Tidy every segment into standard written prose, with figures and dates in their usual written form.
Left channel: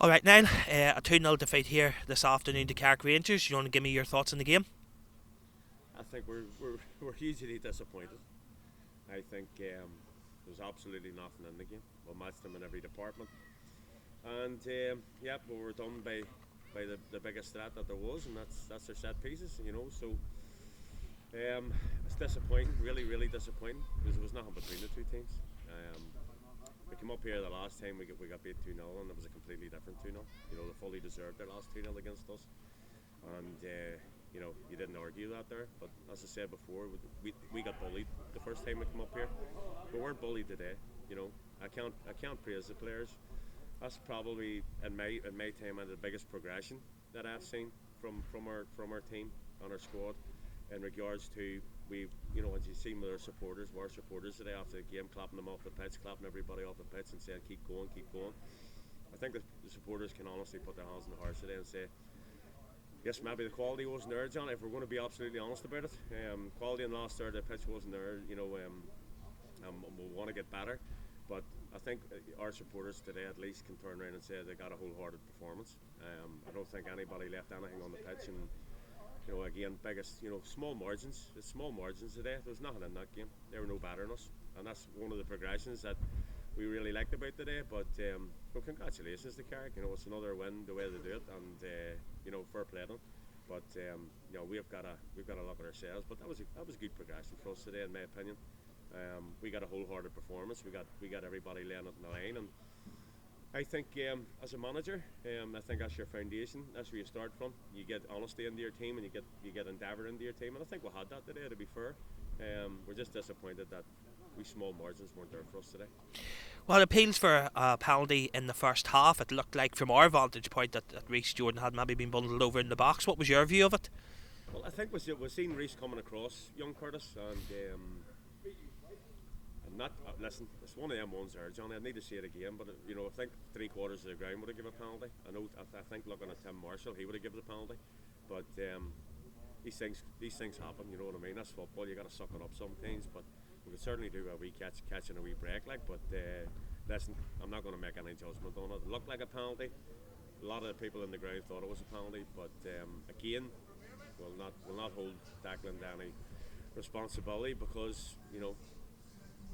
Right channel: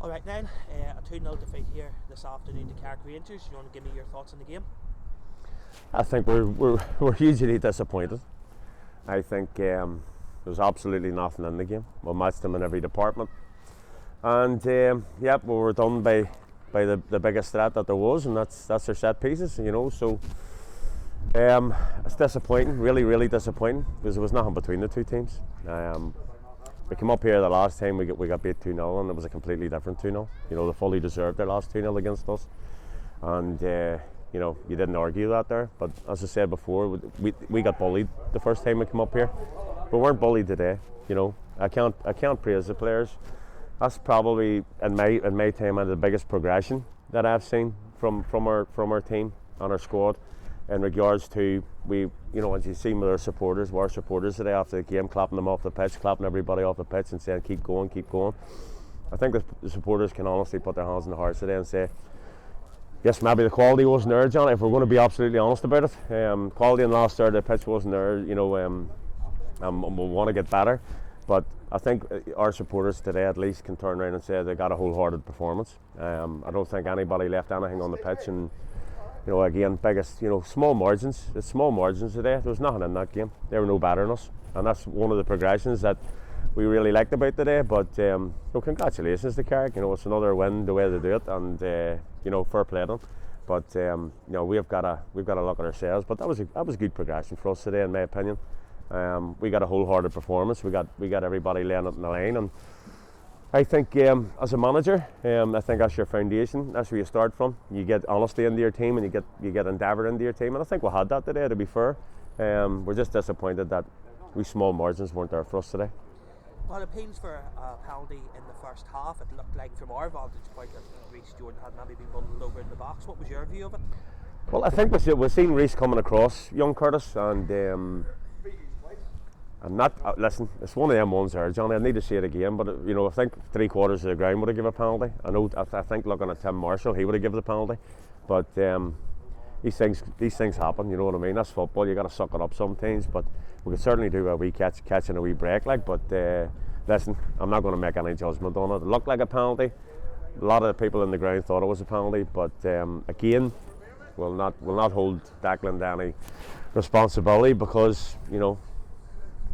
Alright, Niall, a 2-0 defeat here this afternoon to Carrick Rangers. You want to give me your thoughts on the game? I think we're hugely disappointed. I think there's absolutely nothing in the game. We matched them in every department, and we were done by the biggest threat that there was, and that's their set pieces. So it's disappointing, really disappointing, because there was nothing between the two teams. We came up here the last time we got beat 2-0, and it was a completely different 2-0. They fully deserved their last 2-0 against us, and you didn't argue that there. But as I said before, we got bullied the first time we came up here. We weren't bullied today. I can't praise the players. That's probably in my time the biggest progression that I've seen from our team and our squad, in regards to as you see with our supporters today after the game, clapping them off the pitch, clapping everybody off the pitch and saying keep going. I think the supporters can honestly put their hands in the hearts today and say, yes, maybe the quality wasn't there, John, if we're going to be absolutely honest about it. Quality in the last third of the pitch wasn't there, we'll want to get better. But I think our supporters today at least can turn around and say they got a wholehearted performance. I don't think anybody left anything on the pitch, and again, biggest, small margins. It's small margins today. There was nothing in that game. They were no better than us, and that's one of the progressions that we really liked about today. But congratulations to Carrick. It's another win the way they do it, and fair play to them. But we've got to look at ourselves. But that was good progression for us today, in my opinion. We got a wholehearted performance. We got everybody laying it in the line, and I think as a manager, I think that's your foundation. That's where you start from. You get honesty into your team, and you get endeavour into your team. And I think we had that today, to be fair. We're just disappointed that we small margins weren't there for us today. Well, it appeals for a penalty in the first half. It looked like, from our vantage point, that Reece Jordan had maybe been bundled over in the box. What was your view of it? Well, I think we've seen Reece coming across young Curtis, and I'm not. Listen, it's one of them ones there, Johnny. I need to see it again, but I think 3/4 of the ground would have given a penalty. I think looking at Tim Marshall, he would have given the penalty, but these things happen. You know what I mean? That's football. You got to suck it up sometimes. But we could certainly do a wee catch and a wee break, But listen, I'm not going to make any judgment on it. It looked like a penalty. A lot of the people in the ground thought it was a penalty, but again, we'll not hold Declan to any responsibility, because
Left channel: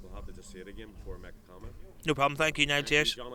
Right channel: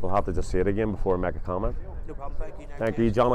we'll have to just see it again before we make a comment. No problem. Thank you, Niall. Thank Cheers. you, John.